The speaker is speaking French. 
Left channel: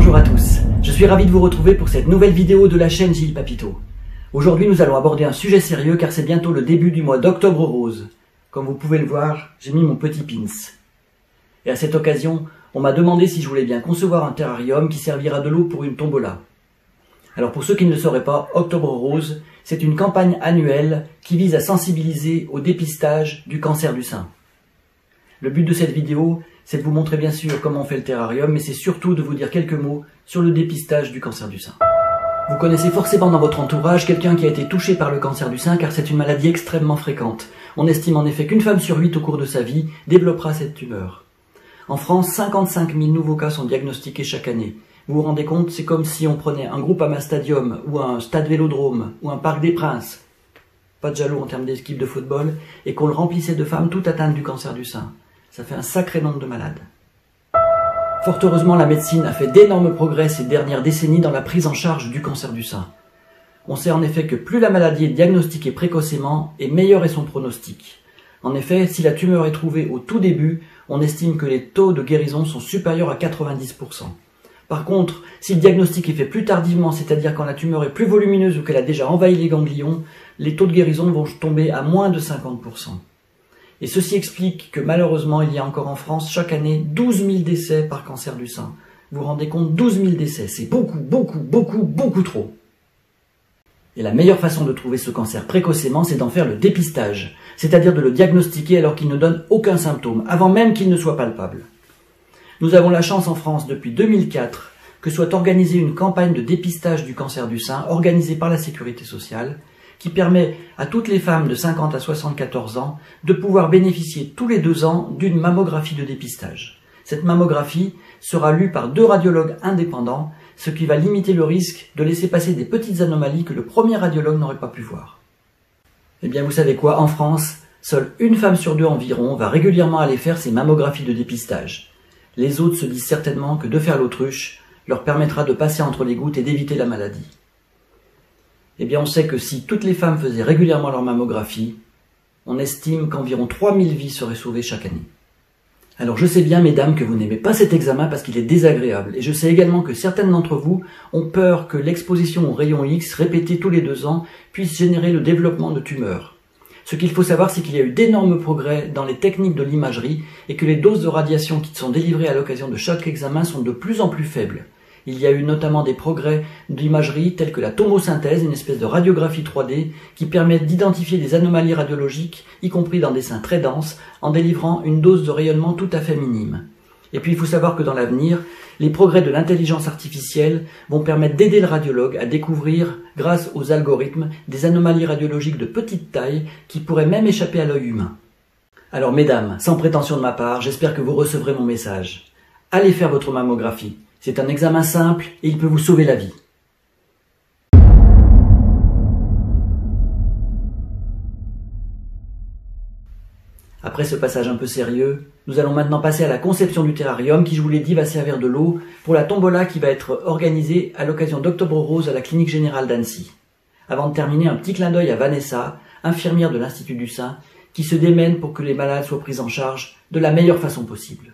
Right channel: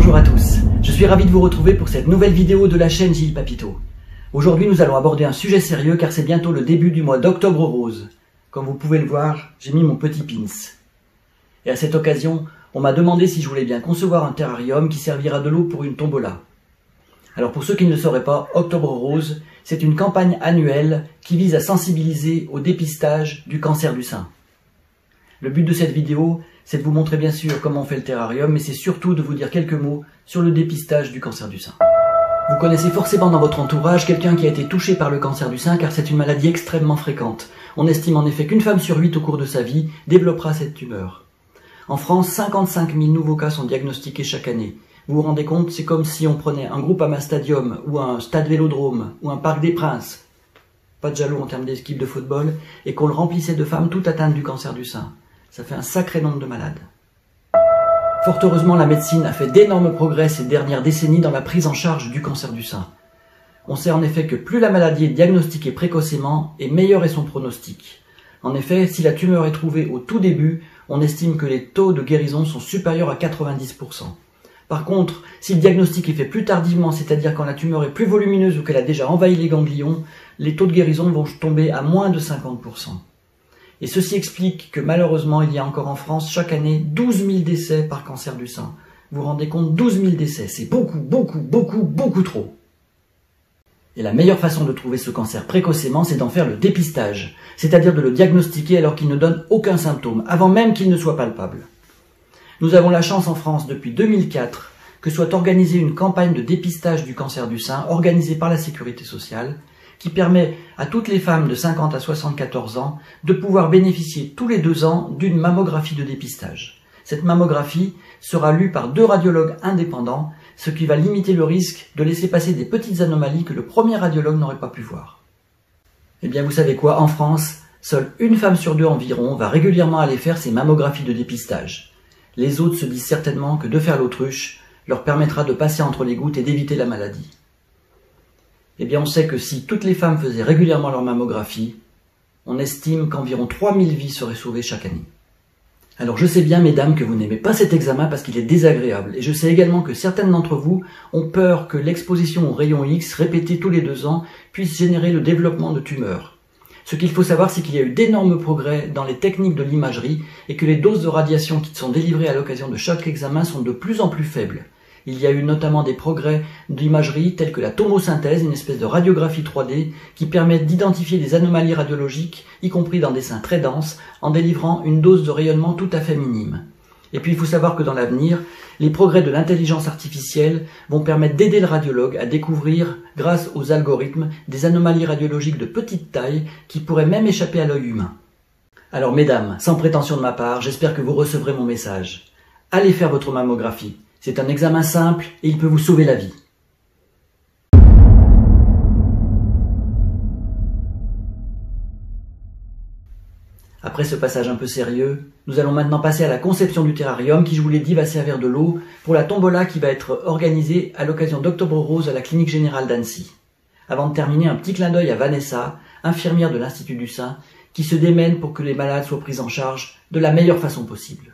Bonjour à tous, je suis ravi de vous retrouver pour cette nouvelle vidéo de la chaîne Gilles Papito. Aujourd'hui nous allons aborder un sujet sérieux car c'est bientôt le début du mois d'Octobre Rose. Comme vous pouvez le voir, j'ai mis mon petit pins. Et à cette occasion, on m'a demandé si je voulais bien concevoir un terrarium qui servira de lot pour une tombola. Alors pour ceux qui ne le sauraient pas, Octobre Rose, c'est une campagne annuelle qui vise à sensibiliser au dépistage du cancer du sein. Le but de cette vidéo, c'est de vous montrer bien sûr comment on fait le terrarium, mais c'est surtout de vous dire quelques mots sur le dépistage du cancer du sein. Vous connaissez forcément dans votre entourage quelqu'un qui a été touché par le cancer du sein car c'est une maladie extrêmement fréquente. On estime en effet qu'une femme sur 8 au cours de sa vie développera cette tumeur. En France, 55 000 nouveaux cas sont diagnostiqués chaque année. Vous vous rendez compte, c'est comme si on prenait un Groupama Stadium ou un Stade Vélodrome ou un Parc des Princes, pas de jaloux en termes d'équipe de football, et qu'on le remplissait de femmes toutes atteintes du cancer du sein. Ça fait un sacré nombre de malades. Fort heureusement, la médecine a fait d'énormes progrès ces dernières décennies dans la prise en charge du cancer du sein. On sait en effet que plus la maladie est diagnostiquée précocement, et meilleur est son pronostic. En effet, si la tumeur est trouvée au tout début, on estime que les taux de guérison sont supérieurs à 90%. Par contre, si le diagnostic est fait plus tardivement, c'est-à-dire quand la tumeur est plus volumineuse ou qu'elle a déjà envahi les ganglions, les taux de guérison vont tomber à moins de 50%. Et ceci explique que malheureusement, il y a encore en France chaque année 12 000 décès par cancer du sein. Vous vous rendez compte, 12 000 décès, c'est beaucoup trop. Et la meilleure façon de trouver ce cancer précocement, c'est d'en faire le dépistage, c'est-à-dire de le diagnostiquer alors qu'il ne donne aucun symptôme, avant même qu'il ne soit palpable. Nous avons la chance en France depuis 2004 que soit organisée une campagne de dépistage du cancer du sein organisée par la Sécurité sociale qui permet à toutes les femmes de 50 à 74 ans de pouvoir bénéficier tous les 2 ans d'une mammographie de dépistage. Cette mammographie sera lue par 2 radiologues indépendants, ce qui va limiter le risque de laisser passer des petites anomalies que le premier radiologue n'aurait pas pu voir. Eh bien vous savez quoi, en France, seule une femme sur 2 environ va régulièrement aller faire ses mammographies de dépistage. Les autres se disent certainement que de faire l'autruche leur permettra de passer entre les gouttes et d'éviter la maladie. Eh bien on sait que si toutes les femmes faisaient régulièrement leur mammographie, on estime qu'environ 3000 vies seraient sauvées chaque année. Alors je sais bien mesdames que vous n'aimez pas cet examen parce qu'il est désagréable, et je sais également que certaines d'entre vous ont peur que l'exposition aux rayons X répétée tous les 2 ans puisse générer le développement de tumeurs. Ce qu'il faut savoir, c'est qu'il y a eu d'énormes progrès dans les techniques de l'imagerie et que les doses de radiation qui sont délivrées à l'occasion de chaque examen sont de plus en plus faibles. Il y a eu notamment des progrès d'imagerie tels que la tomosynthèse, une espèce de radiographie 3D qui permet d'identifier des anomalies radiologiques, y compris dans des seins très denses, en délivrant une dose de rayonnement tout à fait minime. Et puis il faut savoir que dans l'avenir, les progrès de l'intelligence artificielle vont permettre d'aider le radiologue à découvrir, grâce aux algorithmes, des anomalies radiologiques de petite taille qui pourraient même échapper à l'œil humain. Alors mesdames, sans prétention de ma part, j'espère que vous recevrez mon message. Allez faire votre mammographie. C'est un examen simple et il peut vous sauver la vie. Après ce passage un peu sérieux, nous allons maintenant passer à la conception du terrarium qui, je vous l'ai dit, va servir de lot pour la tombola qui va être organisée à l'occasion d'Octobre Rose à la Clinique Générale d'Annecy. Avant de terminer, un petit clin d'œil à Vanessa, infirmière de l'Institut du Sein, qui se démène pour que les malades soient pris en charge de la meilleure façon possible.